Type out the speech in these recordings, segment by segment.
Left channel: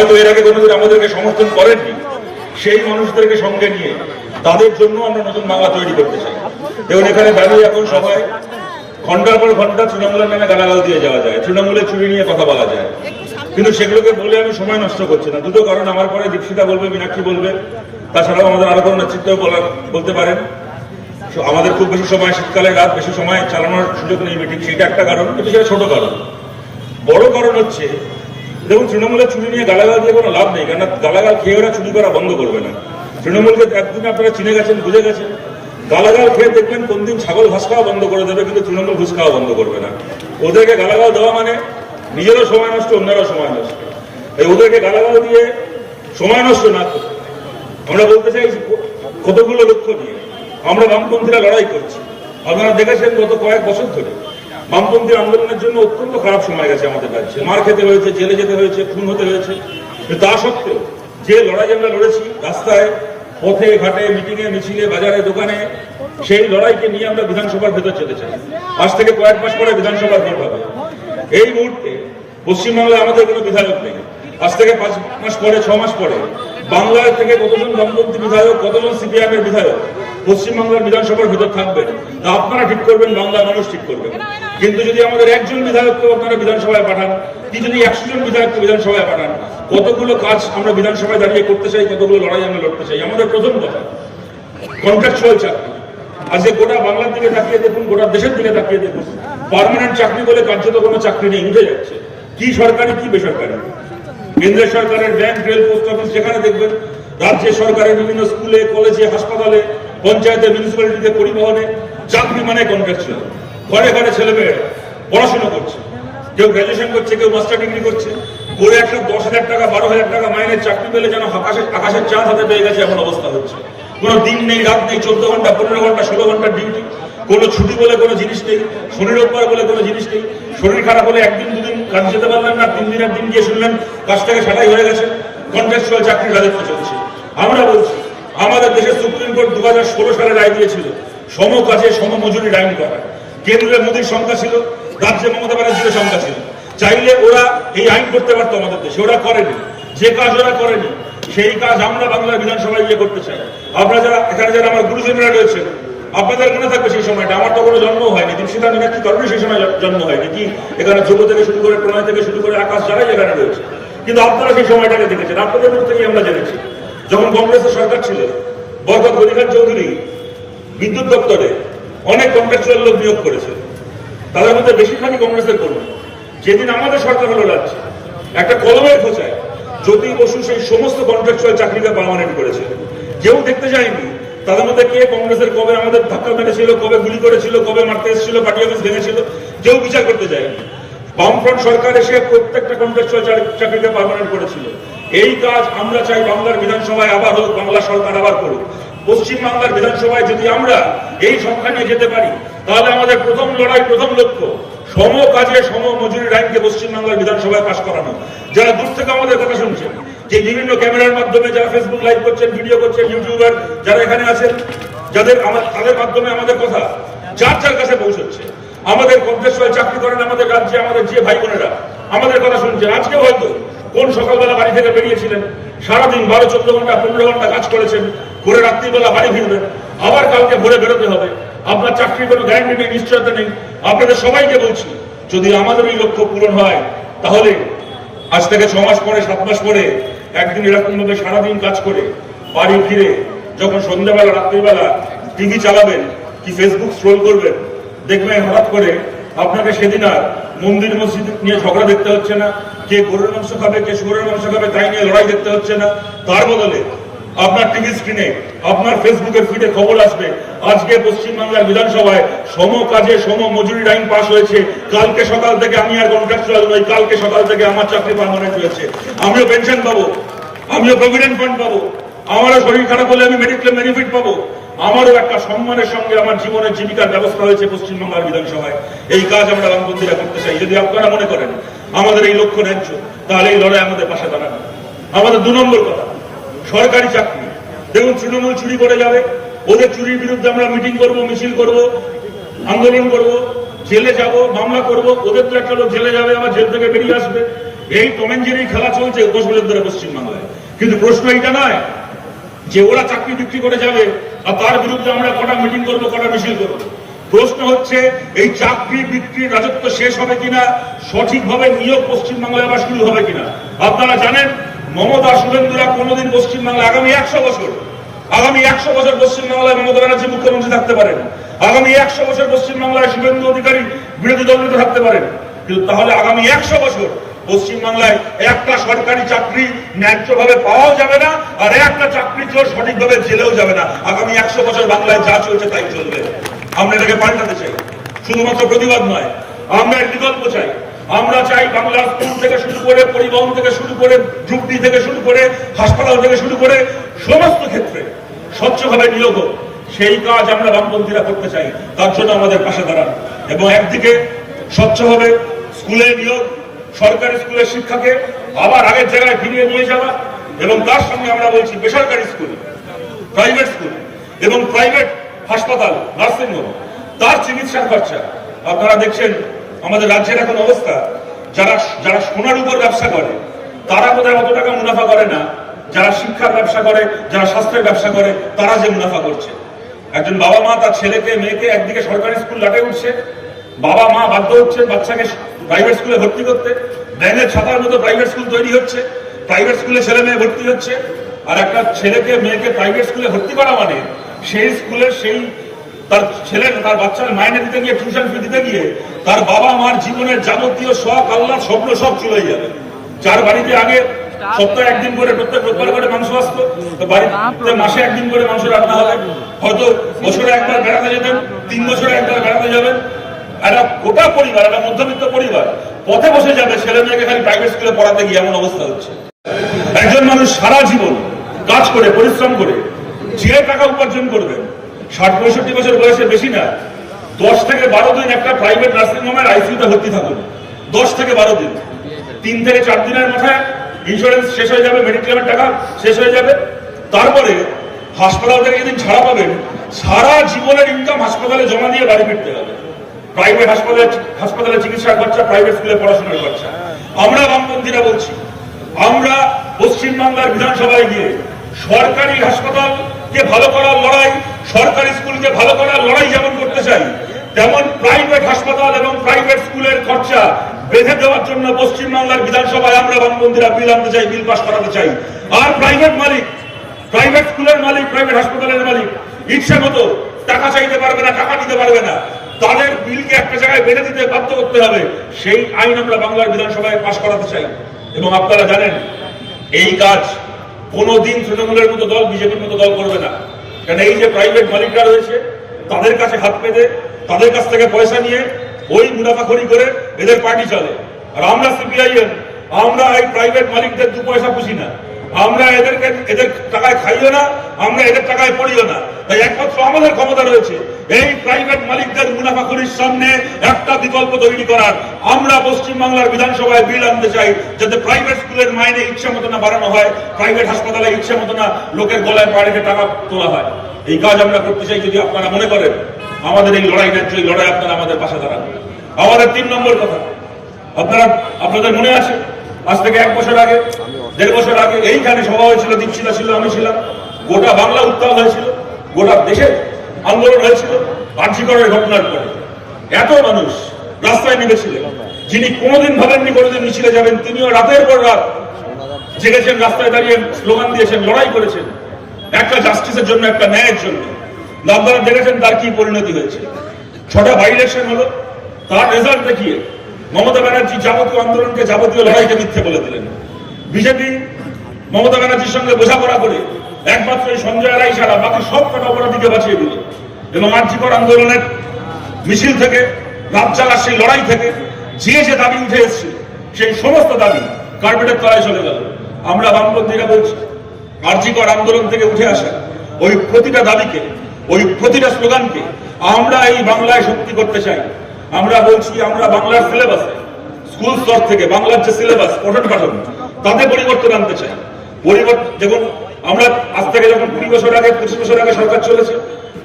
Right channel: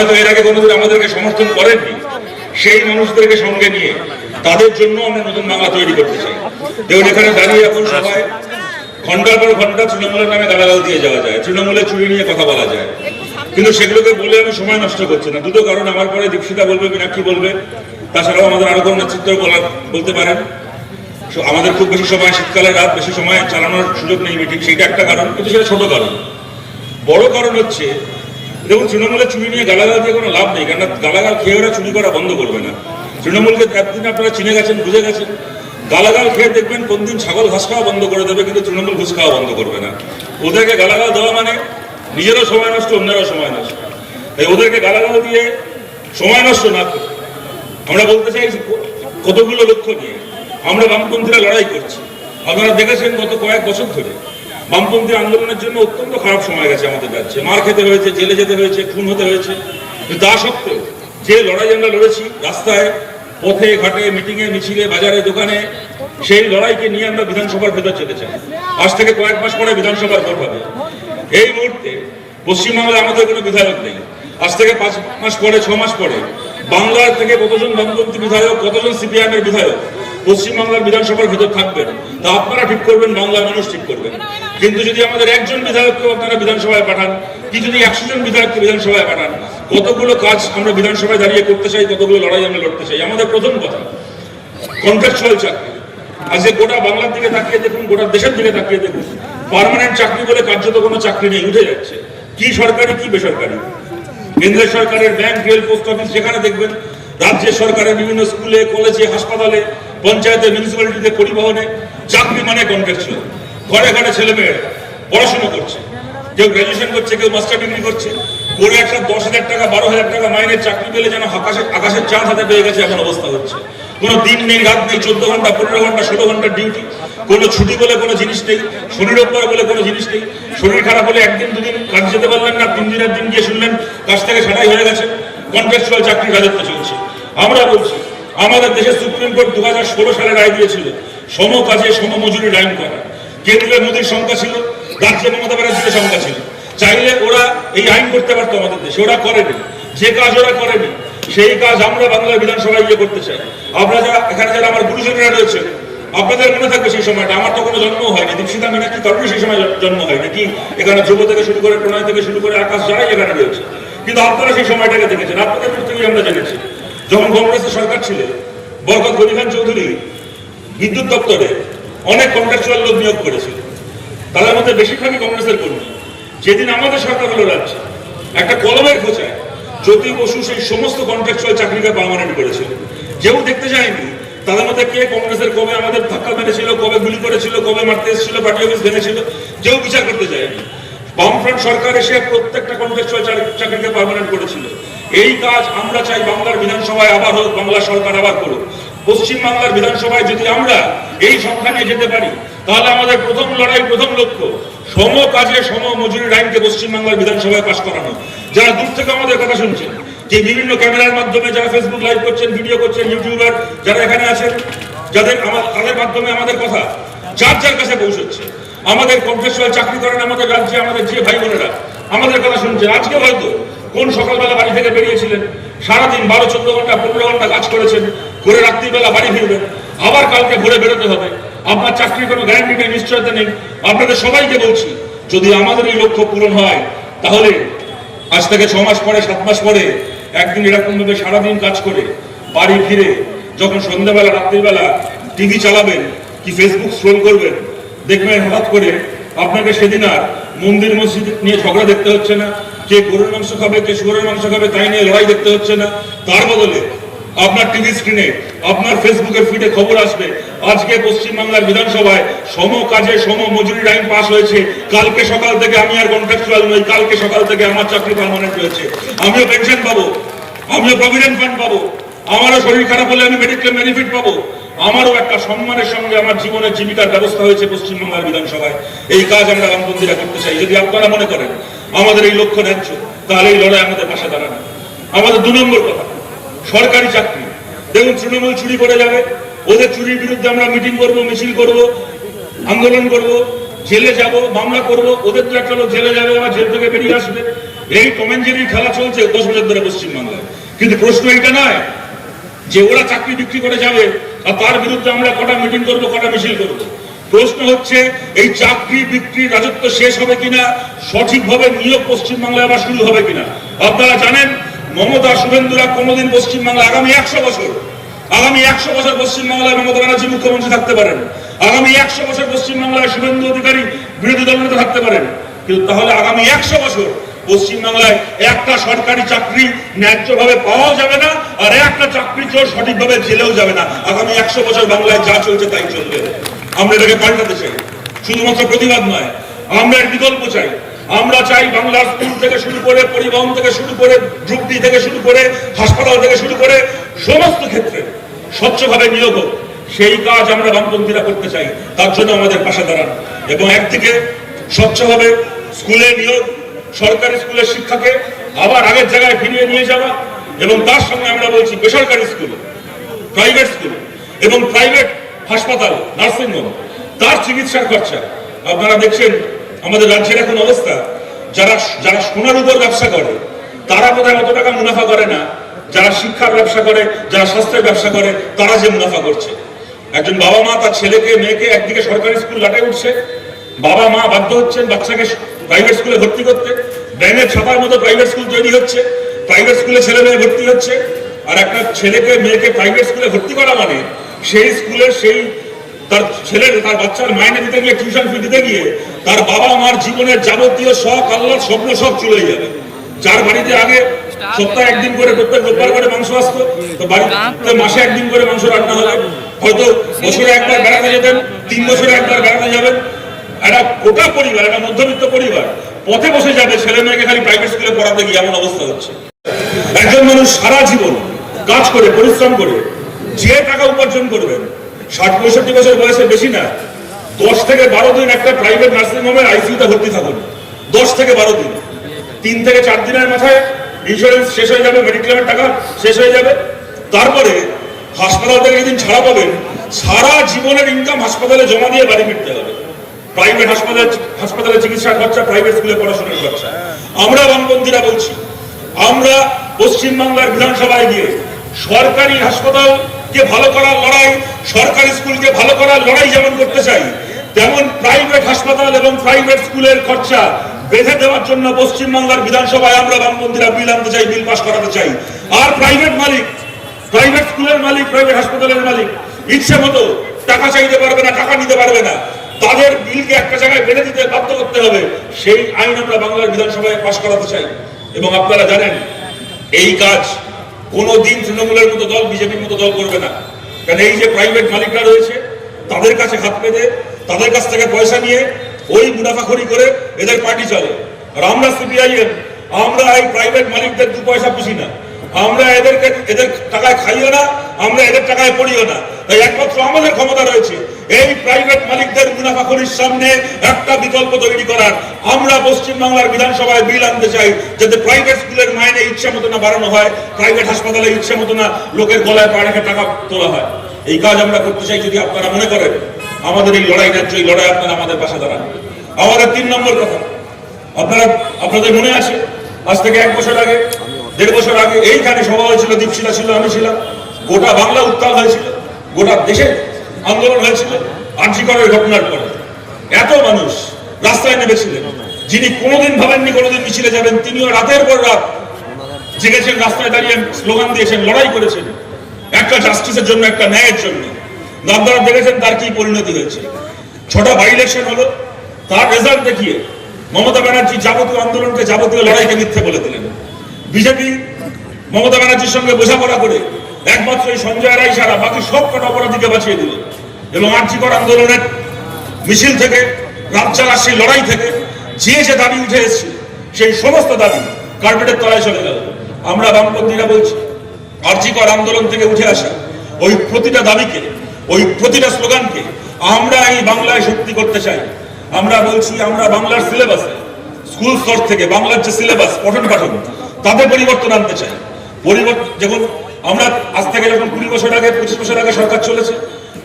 হয়তো এর আগে কোনোদিন আমাদেরকে সমর্থন করেননি, সেই মানুষদেরকে সঙ্গে নিয়ে তাদের জন্য আমরা নতুন বাংলা তৈরি করতে চাই। দেখুন, এখানে দাঁড়িয়ে এখন সবাই ঘন্টার পর ঘন্টা তৃণমূলের নামে গালাগাল দিয়ে যাওয়া যায়, তৃণমূলের চুরি নিয়ে কথা বলা যায়, কিন্তু সেগুলোকে বলে আমি সময় নষ্ট করছি না। দুটো কারণ, আমার পরে দীপশিতা বলবে, মীনাক্ষী বলবে, তাছাড়াও আমাদের আরো কোনো নেতৃত্ব বলতে পারেন। আমাদের খুব বেশি সময়, শীতকালে রাত বেশি সময় চালানোর সুযোগ নেই মিটিং, সেটা একটা কারণ, কিন্তু সেটা ছোট কারণ। বড় কারণ হচ্ছে, দেখুন, তৃণমূলের চুরি নিয়ে গালাগাল দিয়ে কোনো লাভ নেই, কেন গালাগাল খেয়ে ওরা চুরি করা বন্ধ করবে না। তৃণমূলকে একদিন আপনারা চিনে গেছেন, বুঝে গেছেন, গালাগাল খেয়ে দেখবেন কোন দিন ছাগল ঘাস খাওয়া বন্ধ করে দেবে, কিন্তু তৃণমূল ঘুষ খাওয়া বন্ধ করবে না। ওদেরকে গালাগাল দেওয়া মানে নিজেরও সময় নষ্ট, অন্যেরও সময় নষ্ট। ওদেরকে গালাগাল দিয়ে সময় নষ্ট না করে আমরা বলতে চাই, কতগুলো লক্ষ্য নিয়ে আমরা বামপন্থীরা লড়াই করছি। আপনারা দেখেছেন গত কয়েক বছর ধরে বামপন্থী আন্দোলনের জন্য অত্যন্ত খারাপ সময় গেছে আমাদের রাজ্যে। মার খেতে হয়েছে, জেলে যেতে হয়েছে, খুন হতে হয়েছে। তা সত্ত্বেও যে লড়াই আমরা লড়েছি, রাস্তায়, পথে ঘাটে, মিটিংয়ে, মিছিলে, বাজারে, দোকানে, সেই লড়াইকে নিয়ে আমরা বিধানসভার ভেতর যেতে চাই। আজ থেকে কয়েক মাস পরে বিধানসভার ভোট হবে। এই মুহূর্তে পশ্চিমবাংলায় আমাদের কোনো বিধায়ক নেই। আজ থেকে 5 মাস পরে, 6 মাস পরে বাংলার থেকে কতজন বামপন্থী বিধায়ক, কতজন সিপিআইএম এর বিধায়ক পশ্চিমবাংলার বিধানসভার ভেতর থাকবেন, তা আপনারা ঠিক করবেন, বাংলার মানুষ ঠিক করবেন। কিন্তু যদি আমাদের একজন বিধায়ককে আপনারা বিধানসভায় পাঠান, কি যদি 100 জন বিধায়ককে বিধানসভায় পাঠান, কতগুলো কাজ আমরা বিধানসভায় দাঁড়িয়ে করতে চাই, কতগুলো লড়াই আমরা লড়তে চাই। আমাদের প্রথম কথা, কন্ট্রাকচুয়াল চাকরি। আজকে গোটা বাংলার দিকে তাকিয়ে দেখুন, গোটা দেশের দিকে তাকিয়ে দেখুন, পার্মানেন্ট চাকরি বলে কার্যত কোনো চাকরি নেই, উঠে যাচ্ছে। কি সরকারি, কি বেসরকারি। কেন্দ্রের সরকারের ব্যাংক, রেল, পোস্ট অফিস, সেখানে দেখবেন, রাজ্যের সরকারের বিভিন্ন স্কুলে, কলেজে, হাসপাতালে, পঞ্চায়েতে, মিউনিসিপ্যালিটিতে, পরিবহনে চাকরি মানে কন্ট্রাকচুয়াল। ঘরে ঘরে ছেলেমেয়েরা পড়াশোনা করছে, কেউ গ্রাজুয়েশন করছে, কেউ মাস্টার ডিগ্রি করছে, করে একটা 10,000 টাকা, 12,000 টাকা মাইনের চাকরি পেলে যেন আকাশের চাঁদ হাতে পেয়ে গেছে এমন অবস্থা হচ্ছে। কোনো দিন নেই, রাত নেই, 14 ঘন্টা, 15 ঘন্টা, 16 ঘন্টার ডিউটি, কোনো ছুটি বলে কোনো জিনিস নেই, শনি রোববার বলে কোনো জিনিস নেই। শরীর খারাপ হলে একদিন দুদিন কাজ যেতে পারলেন না, 3 দিনের দিন গিয়ে শুনলেন কাজ থেকে ছাঁটাই হয়ে গেছে। কন্ট্রাকচুয়াল চাকরির রাজত্ব চলছে। আমরা বলছি, আমাদের দেশের সুপ্রিম কোর্ট 2016 সালে রায় দিয়েছিল সম কাজে সম মজুরি আইন করা। কেন্দ্রে মোদীর সংখ্যা ছিল, রাজ্যে মমতা ব্যানার্জির সংখ্যা ছিল। চাইলে ওরা এই আইন করতে পারতো আমাদের দেশে, ওরা করেনি। যে কাজ ওরা করেনি, সেই কাজ আমরা বাংলা বিধানসভায় গিয়ে করতে চাই। আপনারা যারা এখানে, যারা আমার গুরুজনেরা রয়েছে, আপনাদের মনে থাকবে সেই সময়টা, আমার তো কোনো জন্ম হয়নি, দীপশিতা, মীনাক্ষী কারণে সেই সময় জন্ম হয়নি। কি এখানে ধ্রুব থেকে শুরু করে, প্রণয় থেকে শুরু করে, আকাশ, যারাই এখানে রয়েছে, কিন্তু আপনারা সেই সময়টাকে দেখেছেন। আপনাদের মুখ থেকেই আমরা জেনেছি, যখন কংগ্রেসের সরকার ছিল, বরকত গনি খান চৌধুরী বিদ্যুৎ দপ্তরে অনেক কন্ট্রাকচুয়াল লোক নিয়োগ করেছিল, তাদের মধ্যে বেশিরভাগই কংগ্রেসের কর্মী। যেদিন আমাদের সরকার হলো রাজ্যে, একটা কলমের খোঁচায় জ্যোতি বসু সেই সমস্ত কন্ট্রাকচুয়াল চাকরিকে পার্মানেন্ট করেছিল। কেউ দেখতে যায়নি তাদের মধ্যে কে কংগ্রেসের কবে আমাদের ধাক্কা মেরেছিল, কবে গুলি করেছিল, কবে মারতে এসেছিল, পার্টি অফিস ভেঙেছিল, কেউ বিচার করতে যায়নি। বামফ্রন্ট সরকার এসে প্রত্যেকটা কন্ট্রাকচুয়াল চাকরিকে পার্মানেন্ট করেছিল। এই কাজ আমরা চাই বাংলার বিধানসভায় আবার হোক, বাংলা সরকার আবার করুক। পশ্চিমবাংলার বিধানসভায় যদি আমরা এই সংখ্যা নিয়ে যেতে পারি, তাহলে আমাদের প্রথম লড়াই, প্রথম লক্ষ্য সম কাজে সম মজুরির আইনকে পশ্চিমবাংলার বিধানসভায় পাশ করানো। যারা দূর থেকে আমাদের কথা শুনছেন, যে বিভিন্ন ক্যামেরার মাধ্যমে যারা ফেসবুক লাইভ করছেন, ভিডিও করছেন, ইউটিউবার যারা এখানে আছেন, তাদের মাধ্যমে আমাদের কথা যার যার কাছে পৌঁছচ্ছে, আমাদের কন্ট্রাকচুয়াল চাকরি করেন আমাদের রাজ্যে, আমাদের যে ভাই বোনেরা আমাদের কথা শুনছেন, আজকে হয়তো কোন সকালবেলা বাড়ি থেকে বেরিয়েছিলেন, সারাদিন 12-14 ঘন্টা, 15 ঘন্টা কাজ করেছেন, করে রাত্রিবেলা বাড়ি ফিরবেন, আবার কালকে ভোরে বেরোতে হবে। আপনার চাকরির কোনো গ্যারান্টি নেই, নিশ্চয়তা নেই। আপনাদের সবাইকে বলছি, যদি আমাদের এই লক্ষ্য পূরণ হয়, তাহলে আজ থেকে 6 মাস পরে, 7 মাস পরে একদিন এরকম ভাবে সারাদিন কাজ করে বাড়ি ফিরে যখন সন্ধ্যাবেলা, রাত্রিবেলা টিভি চালাবেন কি ফেসবুক স্ক্রোল করবেন, দেখবেন হঠাৎ করে আপনাকে সেদিন আর মন্দির মসজিদ নিয়ে ঝগড়া দেখতে হচ্ছে না, কে গরুর মাংস খাবে, কে শুয়োরের মাংস খাবে, তাই নিয়ে লড়াই দেখতে হচ্ছে না। তার বদলে আপনার টিভি স্ক্রিনে, আপনার ফেসবুকের ফিডে খবর আসবে, আজকে পশ্চিমবাংলার বিধানসভায় সম কাজে সম মজুরি আইন পাস হয়েছে। কালকে সকাল থেকে আমি আর কন্ট্রাকচুয়াল নই, কালকে সকাল থেকে আমার চাকরি পার্মানেন্ট হয়েছে, আমিও পেনশন পাবো, আমিও প্রভিডেন্ট ফান্ড পাবো, আমারও শরীর খারাপ হলে আমি মেডিক্লেম বেনিফিট পাবো, আমারও একটা সম্মানের সঙ্গে আমার জীবনের জীবিকার ব্যবস্থা হয়েছে পশ্চিমবাংলার বিধানসভায়। এই কাজ আমরা বামপন্থীরা করতে চাই। যদি আপনারা মনে করেন আমাদের এই লক্ষ্য ন্যায্য, তাহলে এই লড়াই আমাদের পাশে দাঁড়ানো। আমাদের 2 নম্বর কথা, সরকারি চাকরি। দেখুন, তৃণমূল চুরি করে যাবে, ওদের চুরির বিরুদ্ধে আমরা মিটিং করব, মিছিল করব, আন্দোলন করব, জেলে যাব, মামলা করব। ওদের তো একটা লোক জেলে যাবে, আবার জেল থেকে বেরিয়ে আসবে, এই টম এন্ড জেরির খেলা চলছে 10 বছর ধরে পশ্চিমবাংলায়। কিন্তু প্রশ্ন এইটা নয় যে ওরা চাকরি বিক্রি করে যাবে আর তার বিরুদ্ধে আমরা কটা মিটিং করবো, কটা মিছিল করবো। প্রশ্ন হচ্ছে এই চাকরি বিক্রি রাজত্ব শেষ হবে কিনা, সঠিকভাবে নিয়োগ পশ্চিমবাংলায় আবার শুরু হবে কিনা। আপনারা জানেন মমতা শুভেন্দুরা কোনোদিন পশ্চিমবাংলা আগামী 100 বছর পশ্চিমবাংলায় মমতা ব্যানার্জি মুখ্যমন্ত্রী থাকতে পারেন, আগামী 100 বছর পশ্চিমবাংলায় শুভেন্দু অধিকারী বিরোধী দলনেতা থাকতে পারেন, কিন্তু তাহলে আগামী 100 বছর পশ্চিমবাংলায় একটা সরকারি চাকরি ন্যায্যভাবে পাওয়াও যাবে না, আর একটা চাকরি চোর সঠিকভাবে জেলেও যাবে না। আগামী 100 বছর বাংলায় যা চলছে তাই চলবে। আমরা এটাকে পাল্টাতে চাই, শুধুমাত্র প্রতিবাদ নয়, আমরা এক বিকল্প চাই। আমরা চাই বাংলার স্কুল থেকে শুরু করে, পরিবহন থেকে শুরু করে, গ্রুপ ডি থেকে শুরু করে, হাসপাতাল থেকে শুরু করে সমস্ত ক্ষেত্রে স্বচ্ছভাবে নিয়োগ হোক। সেই কাজ আমরা বামপন্থীরা করতে চাই, তার জন্য আমাদের পাশে দাঁড়ান। এবং একদিকে স্বচ্ছভাবে স্কুলে নিয়োগ, সরকারি স্কুলের শিক্ষাকে আবার আগের জায়গায় ফিরিয়ে নিয়ে যাওয়া, এবং তার সঙ্গে আমরা বলছি বেসরকারি স্কুল, প্রাইভেট স্কুল এবং প্রাইভেট হাসপাতাল, নার্সিংহোম, তার চিকিৎসার খরচা। আপনারা দেখছেন আমাদের রাজ্যের এখন অবস্থা, যারা সোনার উপর ব্যবসা করে তারা বোধহয় অত টাকা মুনাফা করে না, যারা শিক্ষার ব্যবসা করে, যারা স্বাস্থ্যের ব্যবসা করে তারা যে মুনাফা করছে। একজন বাবা মা তার ছেলেকে মেয়েকে একদিকে সরকারি স্কুল লাটে উঠছে, বাবা মা বাধ্য হচ্ছেন বাচ্চাকে প্রাইভেট স্কুলে ভর্তি করতে, ব্যাঙের ছাতার মতো প্রাইভেট স্কুল তৈরি হচ্ছে, প্রাইভেট স্কুলে ছেলে মেয়ে ভর্তি হচ্ছে। আর একটা ছেলেকে মেয়েকে প্রাইভেট স্কুলে ভর্তি করা মানে সেই স্কুলে তার বাচ্চার মাইনে দিতে গিয়ে, টিউশন ফি দিতে গিয়ে তার বাবা মার জীবনের যাবতীয় শখ, আল্লাহর স্বপ্ন সব চলে যাবে। যার বাড়িতে আগে সপ্তাহে একদিন করে, প্রত্যেক রোববার করে মাংস আসতো, তো বাড়িতে মাসে একদিন করে মাংস রান্না হবে, হয়তো বছরে একবার বেড়াতে যেতেন, 3 বছরে একবার বেড়াতে যাবেন। একটা গোটা পরিবার, একটা মধ্যবিত্ত পরিবার পথে বসে যাবে ছেলে মেয়েকে খালি প্রাইভেট স্কুলে পড়াতে গিয়ে, এমন অবস্থা হচ্ছে। একজন মানুষ সারা জীবন কাজ করে, পরিশ্রম করে যে টাকা উপার্জন করবেন, 60-65 বছর বয়সে বেশি না, 10 থেকে 12 দিন একটা প্রাইভেট নার্সিং হোমের আইসিইউতে ভর্তি থাকুন। 10 থেকে 12 দিন, 3 থেকে 4 দিনের মাথায় ইন্স্যুরেন্স শেষ হয়ে যাবে, মেডিক্লেমের টাকা শেষ হয়ে যাবে। তারপরে হাসপাতাল থেকে যেদিন ছাড়া পাবেন, সারা জীবনের ইনকাম হাসপাতালে জমা দিয়ে বাড়ি ফিরতে হবে। প্রাইভেট হাসপাতালে চিকিৎসার খরচা, প্রাইভেট স্কুলে পড়াশোনার খরচা। আমরা বামপন্থীরা বলছি, আমরা পশ্চিমবাংলার বিধানসভায় গিয়ে সরকারি হাসপাতালকে ভালো করার লড়াই, সরকারি স্কুলকে ভালো করার লড়াই যেমন করতে চাই, তেমন প্রাইভেট হাসপাতাল এবং প্রাইভেট স্কুলের খরচা বেঁধে দেওয়ার জন্য পশ্চিমবাংলার বিধানসভায় আমরা বামপন্থীরা বিল আনতে চাই, বিল পাস করাতে চাই। আর প্রাইভেট মালিক, প্রাইভেট স্কুলের মালিক, প্রাইভেট হাসপাতালের মালিক ইচ্ছে মতো টাকা চাইতে পারবে না, টাকা নিতে পারবে না, তাদের বিলকে একটা জায়গায় বেঁধে দিতে বাধ্য করতে হবে। সেই আইন আমরা বাংলার বিধানসভায় পাস করাতে চাই। এবং আপনারা জানেন এই কাজ কোনোদিন তৃণমূলের মতো দল, বিজেপির মতো দল করবে না। কারণ এই যে প্রাইভেট মালিকরা রয়েছে, তাদের কাছে হাত পেতে, তাদের কাছ থেকে পয়সা নিয়ে ওই মুনাফাখড়ি করে এদের পার্টি চলে। আর আমরা সিপিআইএম, আমরা এই প্রাইভেট মালিকদের 2 পয়সা পুষি না, আমরা এদের টাকায় খাইও না, আমরা এদের টাকায় পড়িও না। তাই একমাত্র আমাদের ক্ষমতা রয়েছে এই প্রাইভেট মালিকদের মুনাফাখড়ির সামনে একটা বিকল্প তৈরি করার। আমরা পশ্চিমবাংলার বিধানসভায় বিল আনতে চাই যাতে প্রাইভেট স্কুলের মাইনে ইচ্ছা মতো না বাড়ানো হয়, প্রাইভেট হাসপাতালে ইচ্ছা মতো না লোকের গলায় পা রেখে টাকা তোলা হয়। এই কাজ আমরা করতে চাই। যদি আপনারা মনে করেন আমাদের এই লড়াই ন্যায্য, এই লড়াই আপনারা আমাদের পাশে দাঁড়ান। আমাদের 3 নম্বর কথা, আপনাদের মনে আছে আজ থেকে 1 বছর আগে, 1.5 বছর আগে এইখানে সভা হয়েছিল, দীপশিলা ছিল, আমি ছিলাম, গোটা বাংলা উত্তাল হয়েছিল, গোটা দেশে আন্দোলন হয়েছিল আর.জি. করের ঘটনার পর। এত মানুষ রাস্তায় নেমেছিলেন, যিনি কোনোদিন ভাবেননি কোনোদিন মিছিলে যাবেন, তিনিও রাতের পর রাত জেগেছেন, রাস্তায় দাঁড়িয়ে স্লোগান দিয়েছেন, লড়াই করেছেন একটা জাস্টিসের জন্য, একটা ন্যায়ের জন্য। আপনারা দেখেছেন তার কি পরিণতি হয়েছে। 6টা বাই ইলেকশন হলো, তার রেজাল্ট দেখিয়ে মমতা ব্যানার্জি যাবতীয় আন্দোলনকে, যাবতীয় লড়াইকে মিথ্যে বলে দিলেন। বিজেপি মমতা ব্যানার্জির সঙ্গে বোঝাপড়া করে একমাত্র এই সঞ্জয় রায় ছাড়া বাকি সব কটা অপরাধীকে বাঁচিয়ে দিল। এবং আর.জি. কর আন্দোলনের মিছিল থেকে, রাত চালার সেই লড়াই থেকে যে দাবি উঠে এসেছে, সেই সমস্ত দাবি কার্পেটের তলায় চলে গেল। আমরা বামপন্থীরা বলছি, আর.জি. কর আন্দোলন থেকে উঠে আসা ওই প্রতিটা দাবিকে, ওই প্রতিটা স্লোগানকে আমরা এই বাংলায় সত্যি করতে চাই। আমরা বলছি, আমরা বাংলার সিলেবাসে, স্কুল স্তর থেকে বাংলার যে সিলেবাস, পঠন পাঠন, তাতে পরিবর্তন আনতে চাই। যেমন আমরা আজ থেকে যখন 20 বছর আগে, 25 বছর আগে সরকার চলেছে,